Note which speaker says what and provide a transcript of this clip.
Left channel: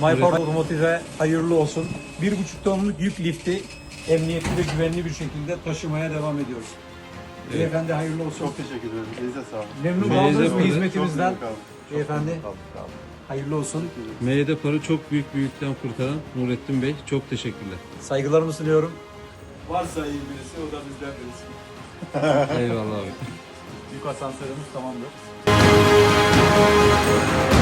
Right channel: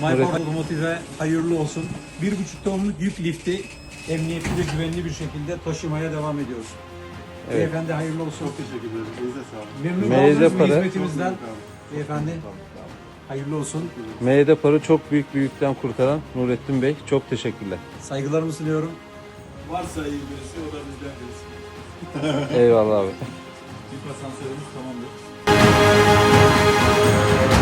Speaker 1: MyPower Otomotiv'e hayırlı olsun. 1,5 tonluk yük lifti emniyetli ve güvenli bir şekilde taşımaya devam ediyoruz.
Speaker 2: Evet.
Speaker 1: Beyefendi hayırlı olsun.
Speaker 3: Çok teşekkür ederim. Elinize sağlık.
Speaker 1: Memnun
Speaker 2: Meyze
Speaker 1: kaldınız mı
Speaker 2: para.
Speaker 1: hizmetimizden?
Speaker 3: Çok memnun kaldım.
Speaker 1: Beyefendi
Speaker 3: Çok memnun kaldım.
Speaker 1: hayırlı olsun.
Speaker 2: Meyde Par'ı çok büyük bir yükten kurtaran Nurettin Bey, çok teşekkürler.
Speaker 1: Saygılarımı sunuyorum.
Speaker 3: Varsa iyi birisi o da bizden birisi.
Speaker 2: Eyvallah abi.
Speaker 1: Yük asansörümüz tamamdır.